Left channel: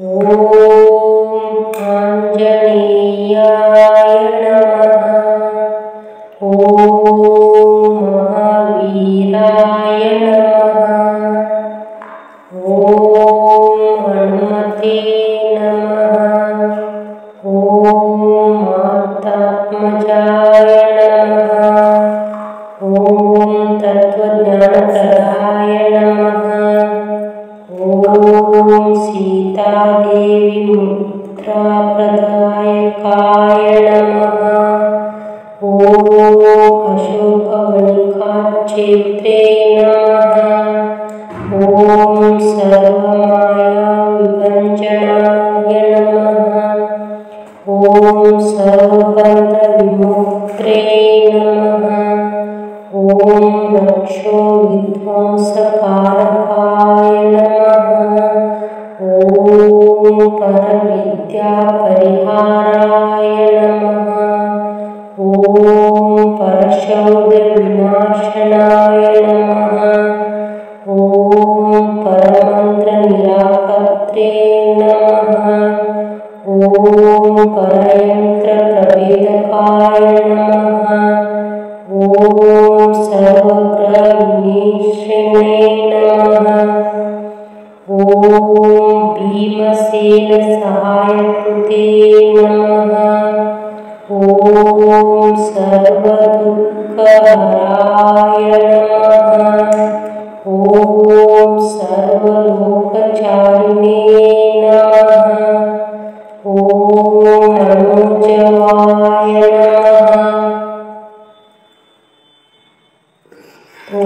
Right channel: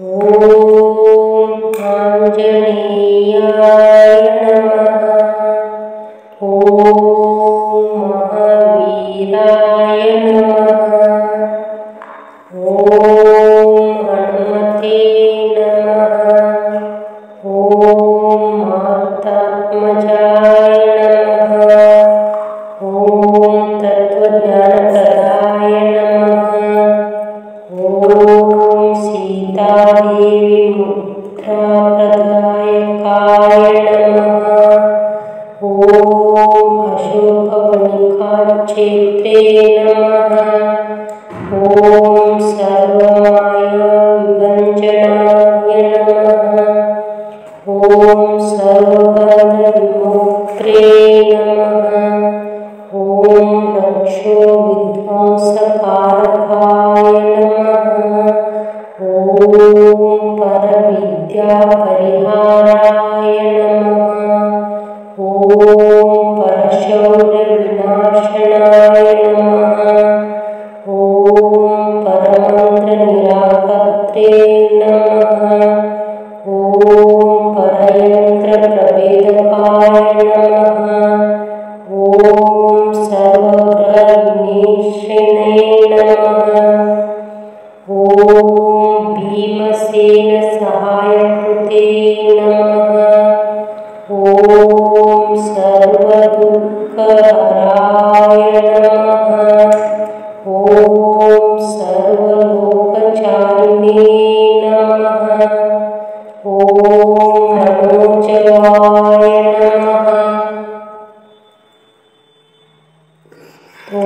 ॐ आञ्जनेयाय नमः। ॐ महावीराय नमः। ॐ हनुमते नमः। ॐ मारुतात्मजाय नमः। ॐ तत्त्वज्ञानप्रदाय नमः। ॐ सीतादेवी मुद्राप्रदायकाय नमः। ॐ अशोकवनिकाक्षेत्रे नमः। ॐ सर्वमायाविभञ्जनाय नमः। ॐ सर्वबन्धविमुक्त्रे नमः। ॐ रक्षो विध्वंसकारकाय नमः। ॐ परविद्यापरिहाराय नमः। ॐ परशौर्यविनाशनाय नमः। ॐ परमन्त्रनिराकर्त्रे नमः। ॐ परयन्त्रप्रभेदकाय नमः। ॐ सर्वग्रहविनाशिने नमः। ॐ भीमसेनसहायकृते नमः। ॐ सर्वदुःखहराय नमः। ॐ सर्वलोकचारिणे नमः। ॐ मनोजवाय नमः। ॐ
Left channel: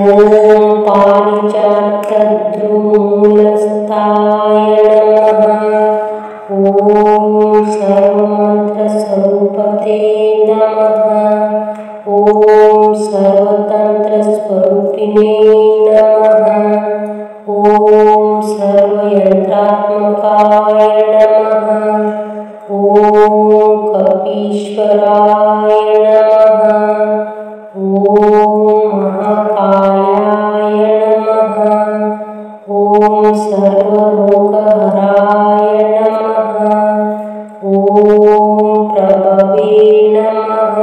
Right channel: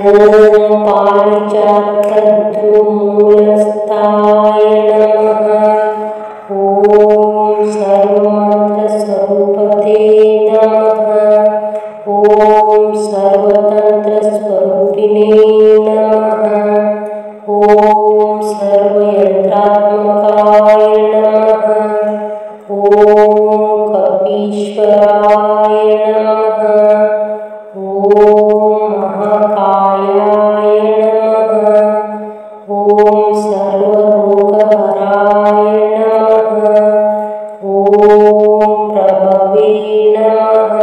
पारिजातद्रुमूलस्थाय नमः। ॐ सर्वमन्त्रस्वरूपते नमः। ॐ सर्वतन्त्रस्वरूपिणे नमः। ॐ सर्वयन्त्रात्मकाय नमः। ॐ कपीश्वराय नमः। ॐ महाकायाय नमः। ॐ सर्वरोगहराय नमः। ॐ प्रभवे नमः।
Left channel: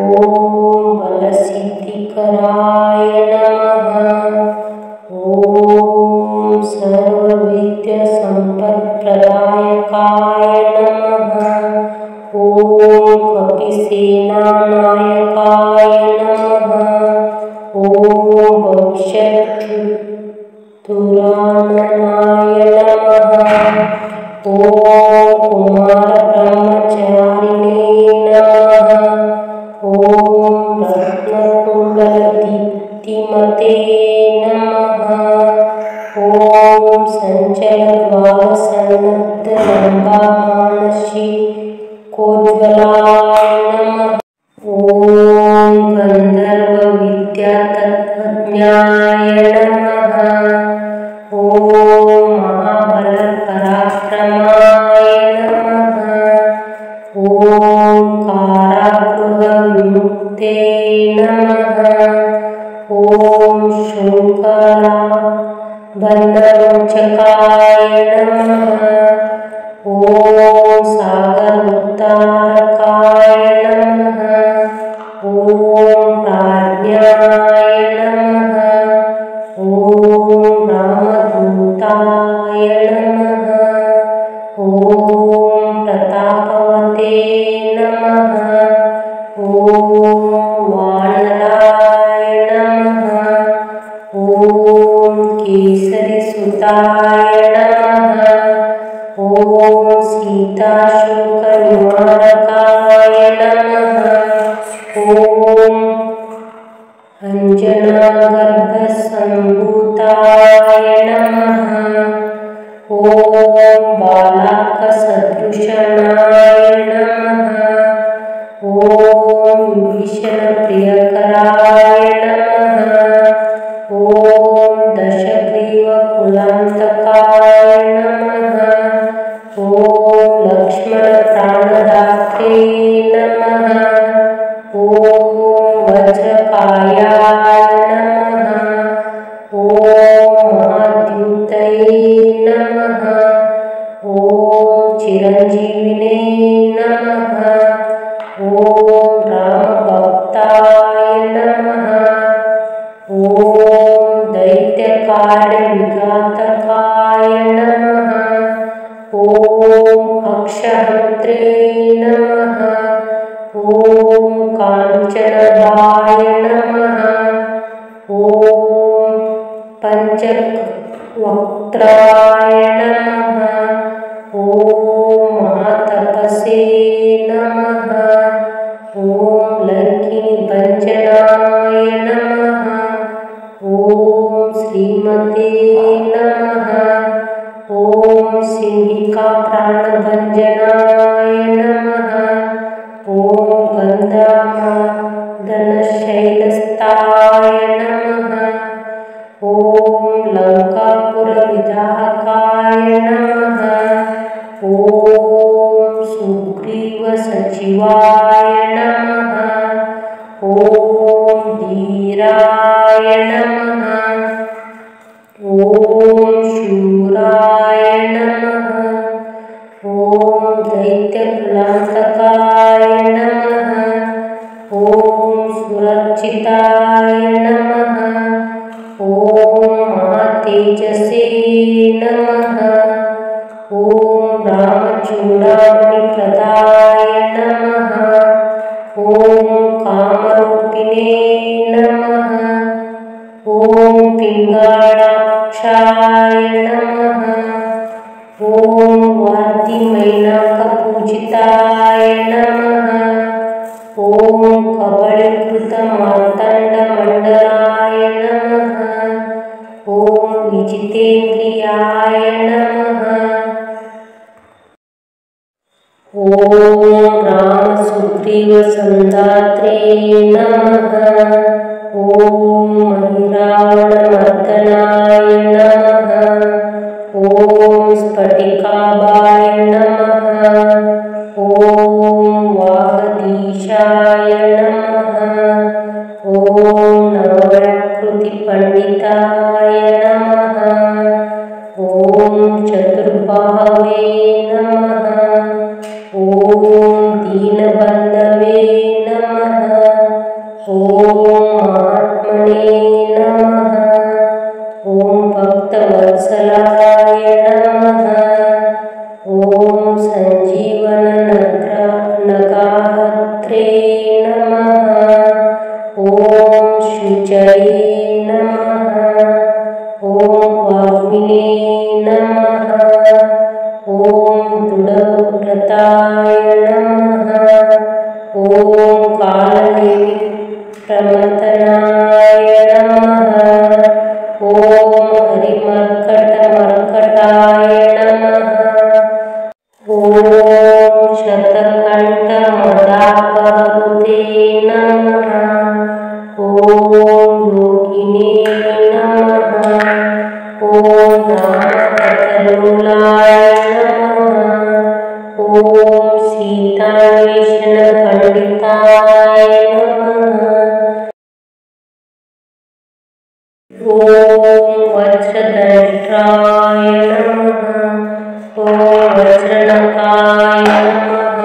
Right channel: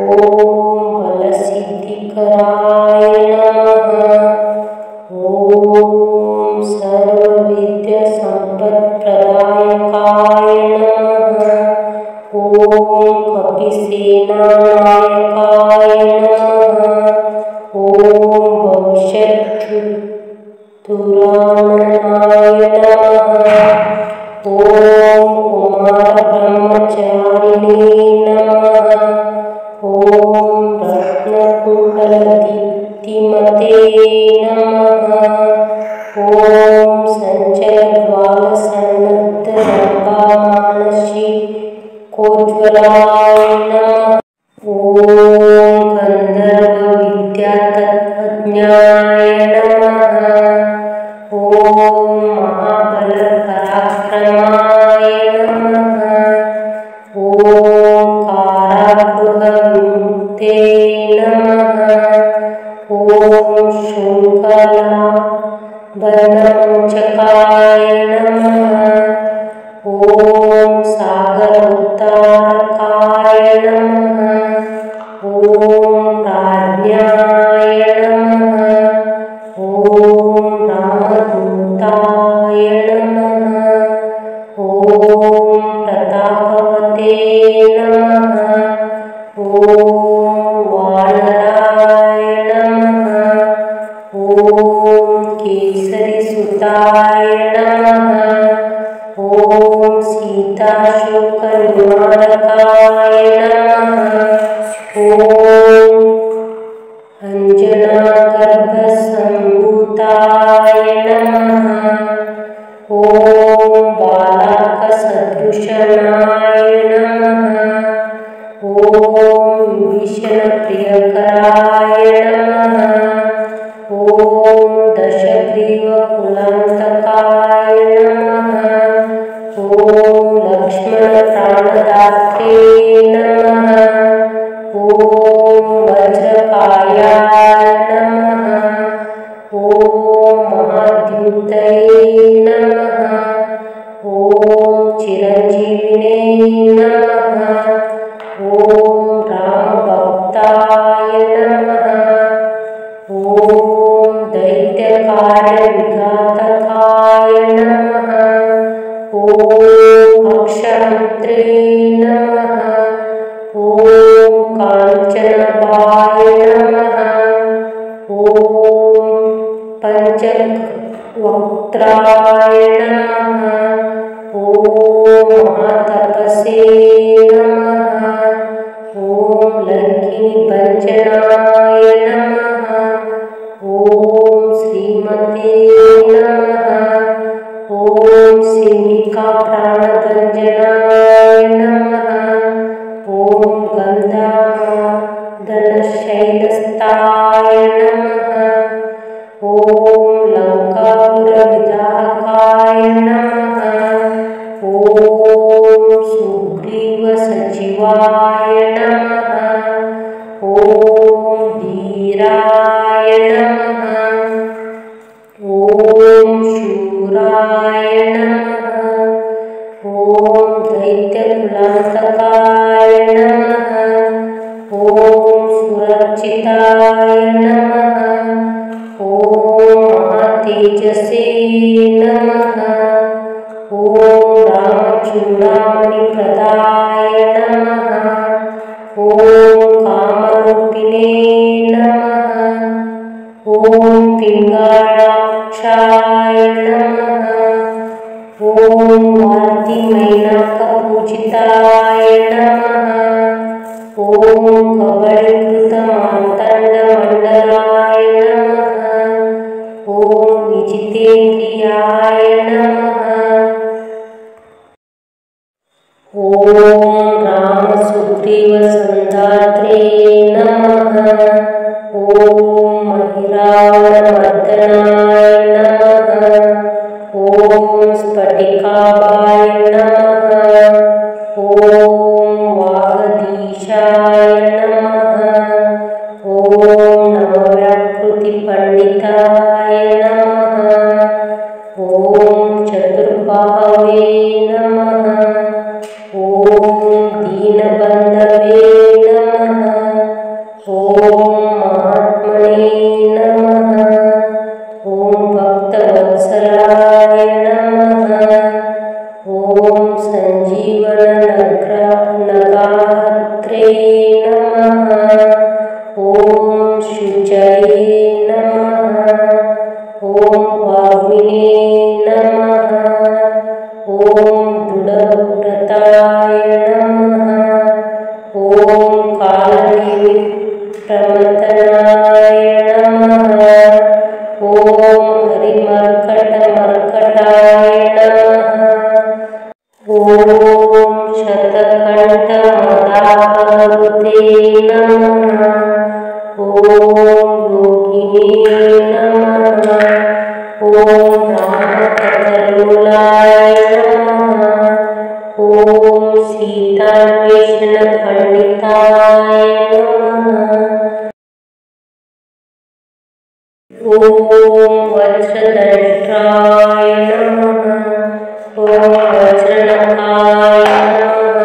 ॐ बलसिद्धिकराय नमः। ॐ सर्वविद्यासम्पत्प्रदायकाय नमः। ॐ कपिसेनानायकाय नमः। ॐ भविष्यद्दुराननाय नमः। ॐ कुमारब्रह्मचारिणे नमः। ॐ रत्नकुण्डलदीप्तिमते नमः। ॐ सञ्चलद्वालसन्नद्धलम्बामानसिकोज्ज्वलाय नमः। ॐ गन्धर्वविद्यातत्त्वज्ञाय नमः। ॐ महाबलपराक्रमाय नमः। ॐ कारागृहविमुक्ते नमः। ॐ शृङ्खलाबन्धमोचकाय नमः। ॐ सागरोद्धारकाय नमः। ॐ प्राज्ञाय नमः। ॐ रामदूताय नमः। ॐ प्रतापवते नमः। ॐ वानराय नमः। ॐ केसरीसुताय नमः। ॐ सीताशोकनिवारकाय नमः। ॐ अञ्जनागर्भसम्भूताय नमः। ॐ बालाकसदृशनाय नमः। ॐ विभीषणप्रियकराय नमः। ॐ दशग्रीवकुलान्तकाय नमः। ॐ लक्ष्मणप्राणदात्रे नमः। ॐ वज्रकायाय नमः। ॐ महाद्युतये नमः। ಓಂ ರಾಮಭಕ್ತಾಯ ನಮಃ. ಓಂ ದೈತ್ಯಕಾರ್ಯವಿಘಾತಕಾಯ ನಮಃ. ಓಂ ಅಕ್ಷಹಂತ್ರೇ ನಮಃ. ಓಂ ಕಾಂಚನದಾಯ ನಮಃ. ಓಂ ಪಂಚವಕ್ತ್ರಾಯ ನಮಃ. ಓಂ ಮಹಾತಪಸೇ ನಮಃ. ಓಂ ಲಂಕಿನಿ ಭಂಜನಾಯ ನಮಃ. ಓಂ ಶ್ರೀಮತೆ ನಮಃ. ಓಂ ಸಿಂಹಿಕಾ ಪ್ರಾಣಭಂಜನಾಯ ನಮಃ. ಓಂ ಗಂಧಾಮದನಶೈಲಸ್ಥಾಯ ನಮಃ. ಓಂ ಲಂಕಾಪುರವಿದಾಹಕಾಯ ನಮಃ. ಓಂ ಸುಗ್ರೀವಸಚಿವಾಯ ನಮಃ. ಓಂ ಧೀರಾಯ ನಮಃ. ಓಂ ಶೂರಾಯ ನಮಃ. ಓಂ ದೈತ್ಯಕುಲಾಂತಕಾಯ ನಮಃ. ಓಂ ಸುರಕ್ಷಿತಾಯ ನಮಃ. ಓಂ ಮಹಾತೇಜಸೇ ನಮಃ. ಓಂ ರಾಮಚೂಡಾಮಣಿಪ್ರದಾಯ ನಮಃ. ಓಂ ಕಾಮರೂಪಿಣೇ ನಮಃ. ಓಂ ಪಿಂಗಾಳಾಕ್ಷಾಯ ನಮಃ. ಓಂ ವಾರ್ಧಿಮೈನಾಕಪೂಜಿತಾಯ ನಮಃ. ಓಂ ಕಬಳೀಕೃತಮಾರ್ತಾಂಡಮಂಡಲಾಯ ನಮಃ. ಓಂ ವಿಜಿತೇಂದ್ರಿಯಾಯ ನಮಃ. ಓಂ ರಾಮಸುಗ್ರೀವಸಂಧಾತ್ರೆ ನಮಃ. ಓಂ ಮಹಿರಾವಣಮರ್ದನಾಯ ನಮಃ. ಓಂ ಸ್ಫಟಿಕಾಭಾಯ ನಮಃ. ಓಂ ವಾಗದೀಶಾಯ ನಮಃ. ಓಂ ನವವ್ಯಾಕೃತಿಪಂಡಿತಾಯ ನಮಃ. ಓಂ ಚತುರ್ಬಾಹವೇ ನಮಃ. ಓಂ ದೀನಬಂಧವೇ ನಮಃ. ಓಂ ಮಹಾತ್ಮನೇ ನಮಃ. ಓಂ ಭಕ್ತವತ್ಸಲಾಯ ನಮಃ. ಓಂ ಸಂಜೀವನ ನಗಾಹತ್ರೇ ನಮಃ. ಓಂ ಶುಚಯೇ ನಮಃ. ಓಂ ವಾಗ್ಮಿನೇ ನಮಃ. ಓಂ ದೃಢವ್ರತಾಯ ನಮಃ. ಓಂ ಕಾಲನೇಮಿ ಪ್ರಮಥನಾಯ ನಮಃ. ಓಂ ಹರಿಮರ್ಕಟಮರ್ಕಟಾಯ ನಮಃ. ಓಂ ಶತಕಂಠಮದಾಪಹೃತೆ ನಮಃ. ಓಂ ಯೋಗಿನೇ ನಮಃ. ಓಂ ರಾಮಕಥಲೋಲಾಯ ನಮಃ. ಓಂ ಸೀತಾನ್ವೇಷಣ ಪಂಡಿತಾಯ ನಮಃ. ಓಂ ವಜ್ರದಂಷ್ಟ್ರಾಯ ನಮಃ. ಓಂ ವಜ್ರನಖಾಯ ನಮಃ.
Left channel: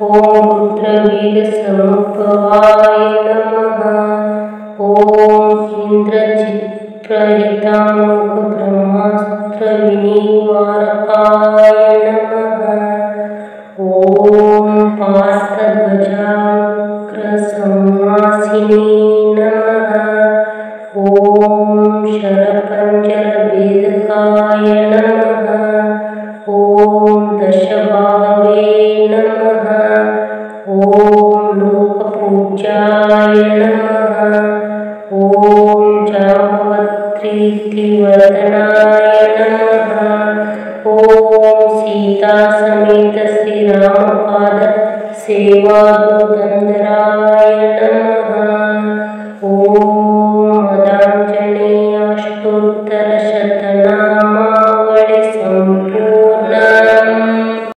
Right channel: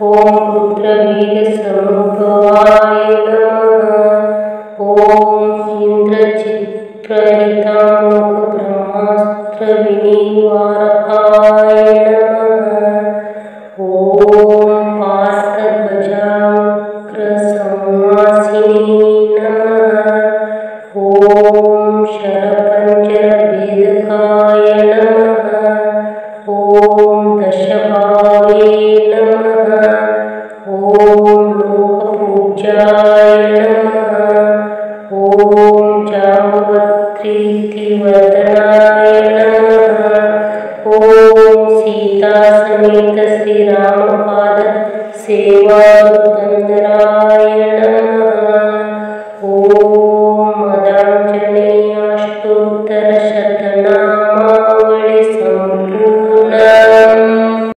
ಓಂ ರುದ್ರವೀರಸಮುದ್ಭವಾಯ ನಮಃ. ಓಂ ಇಂದ್ರಜಿತ್ಪ್ರಹಿತಾಮೋಘ ಬ್ರಹ್ಮಾಸ್ತ್ರವಿನಿವಾರಕಾಯ ನಮಃ. ಓಂ ಪಾರ್ಥಧ್ವಜಾಗ್ರಸಂವಾಸಿನೇ ನಮಃ. ಓಂ ಶರಪಂಜರಭೇದಕಾಯ ನಮಃ. ಓಂ ದಶಬಾಹವೇ ನಮಃ. ಓಂ ಲೋಕಪೂಜ್ಯಾಯ ನಮಃ. ಓಂ ಜಾಂಬವತ್ರೀತಿವದನಾಯ ನಮಃ. ಓಂ ಸೀತಾ ಸಮೇತ ಶ್ರೀರಾಮಪಾದ ಸೇವಾದುರ್ಗಂಧರಾಯ